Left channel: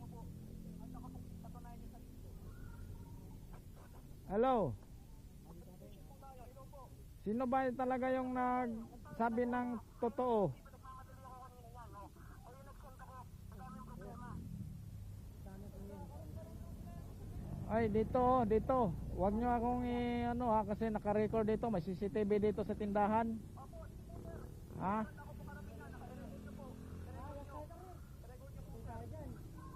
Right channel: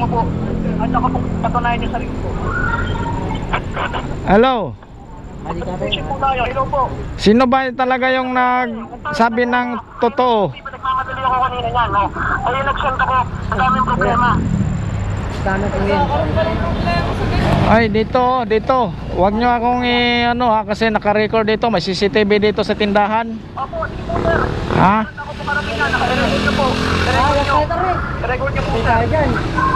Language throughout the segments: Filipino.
po. At saka po, patunayan niyo sarili po. Hello? Po tayo. Hello po. Sino ba talaga yung nagsabi ng totoo? Nagmamadali ako kanina yan, no? Ayun, nag-send ako. Ang daming problema. Ay, dito, dito. Huwag nyo akong i, ano ha, kasi naka-record dito. May CCTV dito sa tindahan. Opo, sir. Ha? Ako po karating yan. Naka-record niyo po. Niyo. Record niyo po, sir.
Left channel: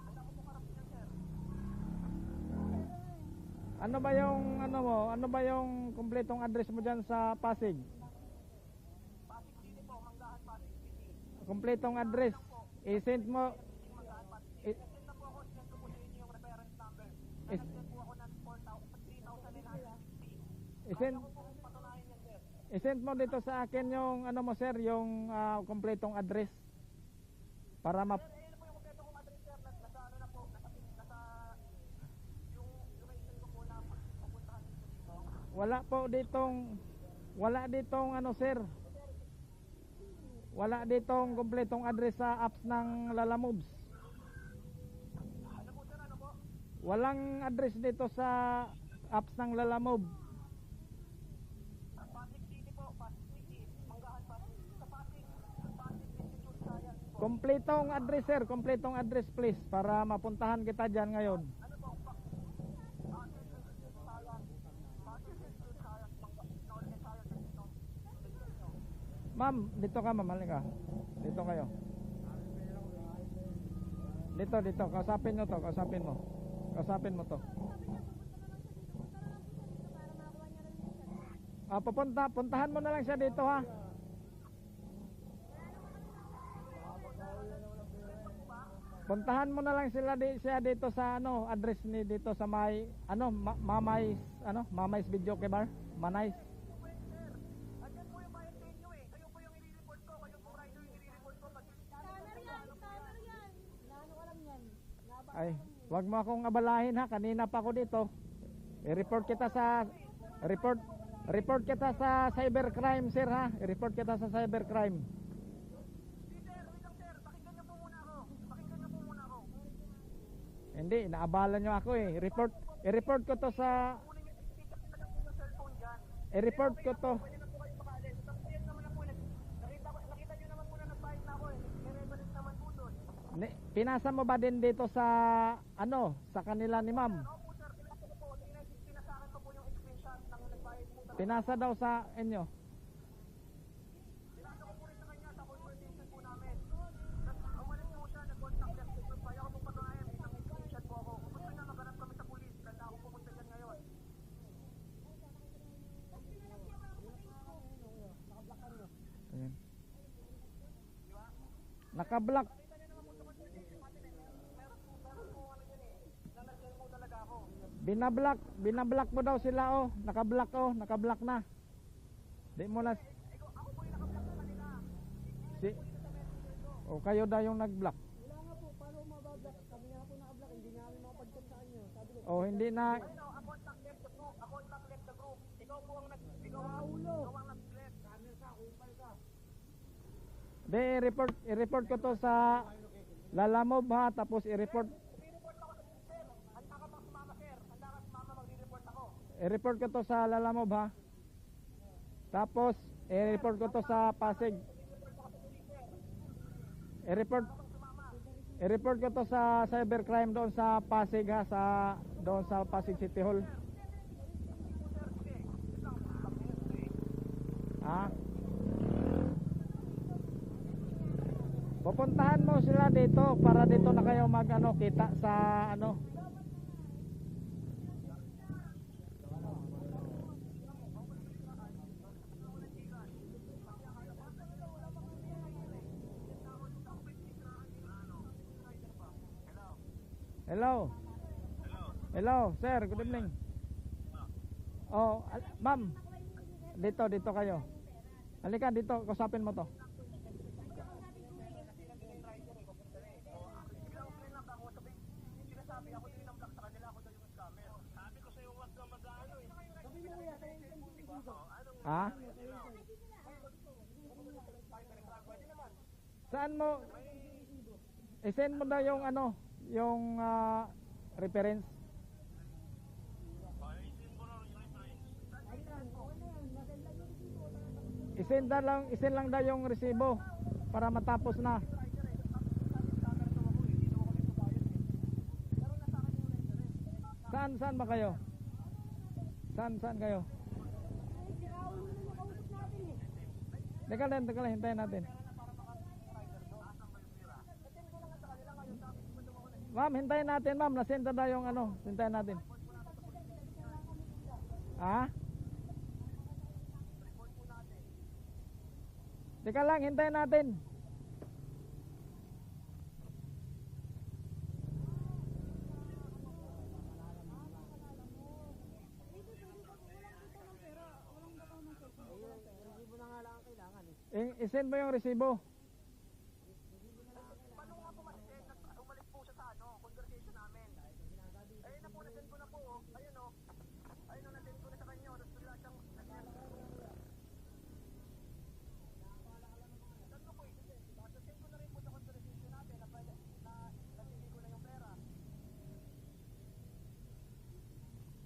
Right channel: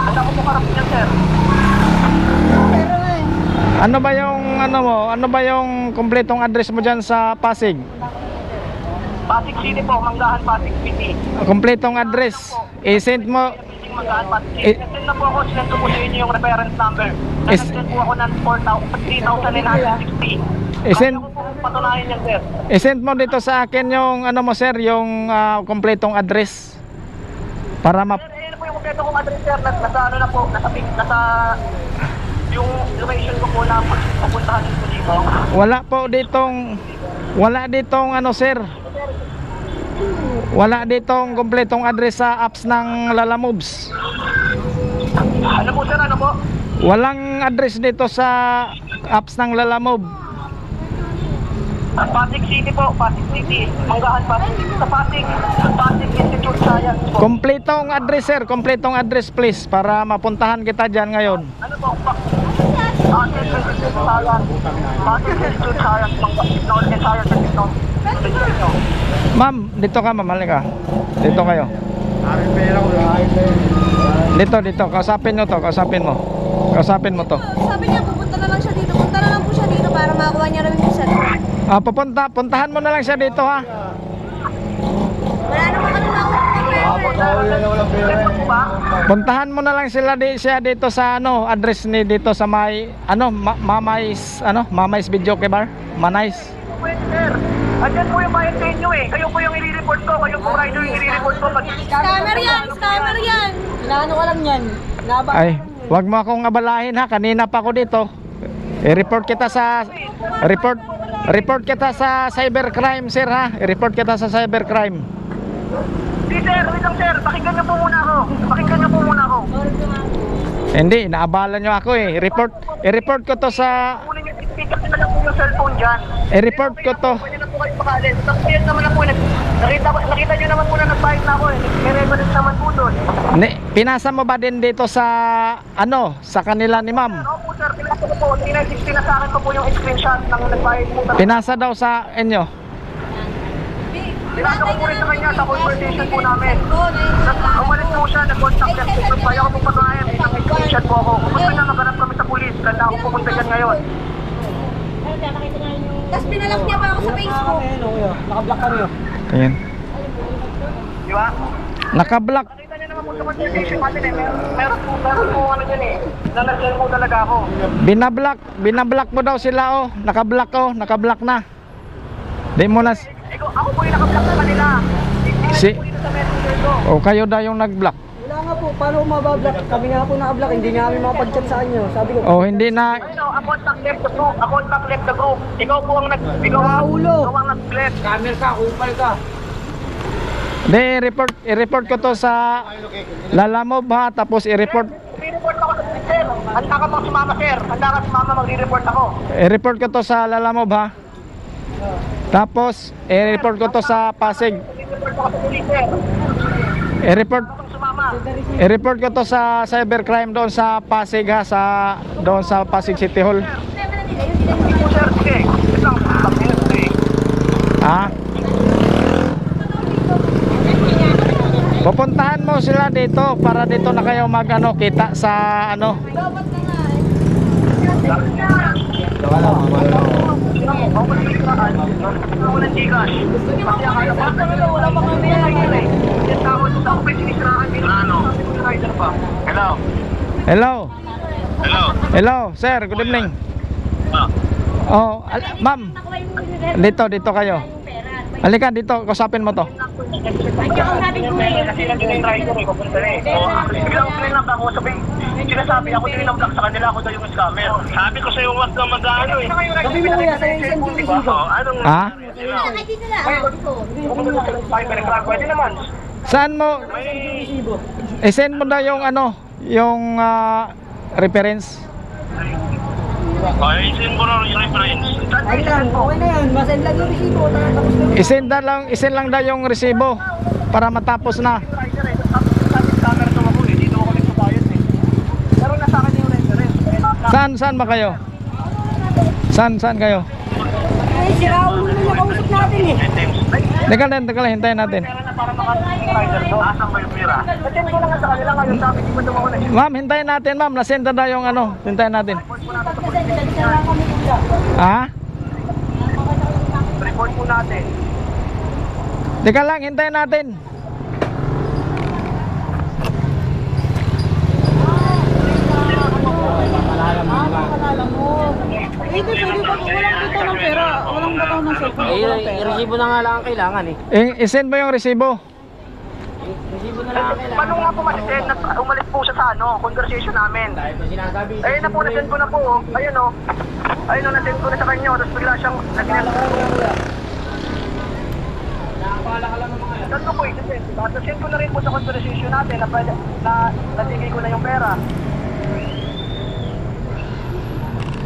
At ako po yan, sir. Ano ba yung, ano mo, ano ba yung kumpletong address mo dyan sa Pasig? Pasig City po, Manggahan, Pasig City. Kumpletong address. I-send mo, Meeting Manggahan, Pasig Eh, na po ako, sinend ko po sa inyo yung reference number. Is- Nag-send po ako ng 4,000 3,960. Isend- ko po patunayan yan, sir. i-send mo dito sa akin yung, ano mo sir, yung ah, kumpletong address. Para ma... Sir, ayun po yung kompleto kong address, sir. Nas- Nasa ano na po, nasa, nasa yung location ko po na papuntahan ko dito. Wala po ditong, wala ditong, ano sir, wala ditong kumpletong address sa apps ng Lala Moves. Ano po, sir? Ano po? Walang address dito sa apps ng Lala Move. Pasig City po, Pasig City. Manggahan, Pasig. Sa Pasig, Pasig Institute Science po. Kompletong address sir, kompletong address please para mapuntahan kita dyan ngayon. Ano po? Pa- Pasig Institute Science. Pasig Institute Science. Technology Science and Technology. Ma'am, dito ka ma'am, halika. Dito kayo. Dito, dito, kausapin mo to, kausapin mo. Kausapin mo to. Sabi niya, pupunta na lang siya dito. Punta na lang po siya dito para makakuha niya. Ah, pupunta, puntahan mo na lang siya dito ha. Wala naman kami? Puntahan mo na lang sila di, siya dito sa ano, address ni dito sa may ano, ma, Mamais, ano, Mamais Video Bar, Manais. Andyan po yung sa inyo eh. Kayo po yung i-report ko. Kayo po rider yung i-report ko. Pag Scammer yan! Scammer yan! Inaano ko lang yan. Ay, wag mo akong abalahin ha. Kanina pa ako dito. I-report kita sa report report kita sa cybercrime sir ha. I-report kita sa cybercrime. Hindi sir, wait lang sir. Pakinggan niyo po muna ako. Pakinggan niyo po muna ako. Hindi, inaabala nyo ako eh. I-report i-report ko to sa niyo, pick up na lang po yung cellphone dyan. i-report ko to. Pwede na po kayo makalis. Tapos yan naman na po. Nakita, nakita niyo naman po na nag-bike na ako eh. May reference naman po doon. Ni, pinasa mo ba din dito sa ano, sa kanila ni ma'am? Ako po sir, po. 3960 na sa akin pa po yung screenshot ng nag-bike po. Pinasa daw sa inyo. Pinasa ko po rin sa kanya sa conversation po namin. Umalis po siya, nag-contact niya. Kung kaya ko po patunayan, may isang screenshot po ako. Kung gusto niya maganap kami sa pulis, ganda ako pupunta dyan ngayon. Tapos pinalak niya pa ako sa Facebook. Ayan. Di ba? Naka-block. Conversation natin eh. Meron, meron po, meron po ano dyan eh. Na nag-send po talaga ako. Binablock, binablock mo daw sila oh. Naka-block oh, naka-block na. Di mo na Ikaw, ako po yung nakablock sa kanila. Hindi Si- o kayo daw yung nag-block. Wala nga po, paano mabablock? Kami nga po nakablock, hindi nga kami makapag-chat sa inyo. Sabi ko, O hindi na Ano, a contact left the group. A contact left the group. Ikaw po ang nag... Ikaw ang, ang nag-left. camera ka, upal ka. Di, i-report, i-report ko to sa Lalamob ha, tapos i-report, Re-report ako sa sir. Handa ka bang sumama, sir? Handa ka sumama, magre-report ako. i-report ko to sa Lalamob ha. Tapos, i-report ko to sa Pasig. Re-report ako sa police, sir. I-report, i-report ko to sa cybercrime doon sa Pasig ha, sa doon sa Pasig City Hall. Sige po, sir. Sige. Ito lang. Pag-minute, eh. Ha? Pupuntahan mo sila dito para dito na kayo mag ano, kita sa ano. Hello? Hello. Hello? Hello, sir. Good evening. Ah. Oh, ma'am. Dito, dito kayo. Halika dito, kausapin mo to. Kasi nandun yung rider eh, papunta na eh. So, bigla ko pinag ako sabi, sinasabi ako din ng block sa kanila, ako daw yung scammer. Sabi ko sa'yo, wag ka mag-ano eh. Sabi mo kuya, sa'yo isang Diba? Anong... Ha? Na. Sa cybercrime, pwede naman. Saan mo? May... I-send mo na yung ano, yung ah, reference. Ay, isin mo na yung reference. Ay lang, okay na yan. Masend lang yung resibo. ta- Tapos na. Isend na lang, isend lang daw yung resibo para matapos na. Saan, saan ba kayo? Saan, saan kayo? Ay, sira ulo na nakausap natin eh. Teka lang, teka lang, hintayin natin. Ma'am, hintayin natin, ma'am. Nasend na yung ano. Hintayin natin. Ha? Report po natin. Teka lang, hintayin natin. Pwede, pwede ba? Walang bitaw ng pera. Walang bitaw ng cellphone. Eh, resibo na nga lang ang kailangan eh. Isend mo yung resibo. Resibo na lang ang kailangan. Paano nga po masisend na umalis po siya sa ano, conversation namin. Ayun na po, nasend ko na po. oh. Ayun o. Ayun o, nasend ko na sa kanya. Tapos bigla siyang nag-net. Saan ko po i-send? At nasend ko na rin po sa conversation natin na, pwede, na natigay ko na yung pera.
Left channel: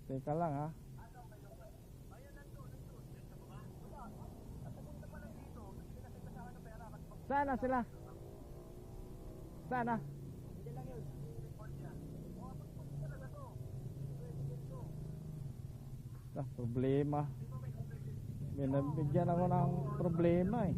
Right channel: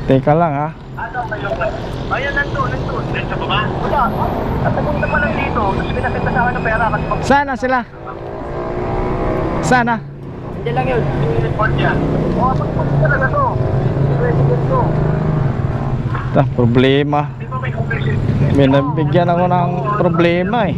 Teka lang, ha. Ano ba yung... Ayun, nandun, nandun. Nandun pa ba? Wala. At napunta pa lang dito. Tapos pinasend na sa akin ng pera. Kasi pag Sana sila. Sana. Hindi lang yun. oh, pag talaga to. Ta, problema. May? Binabigyan ako ng problema eh.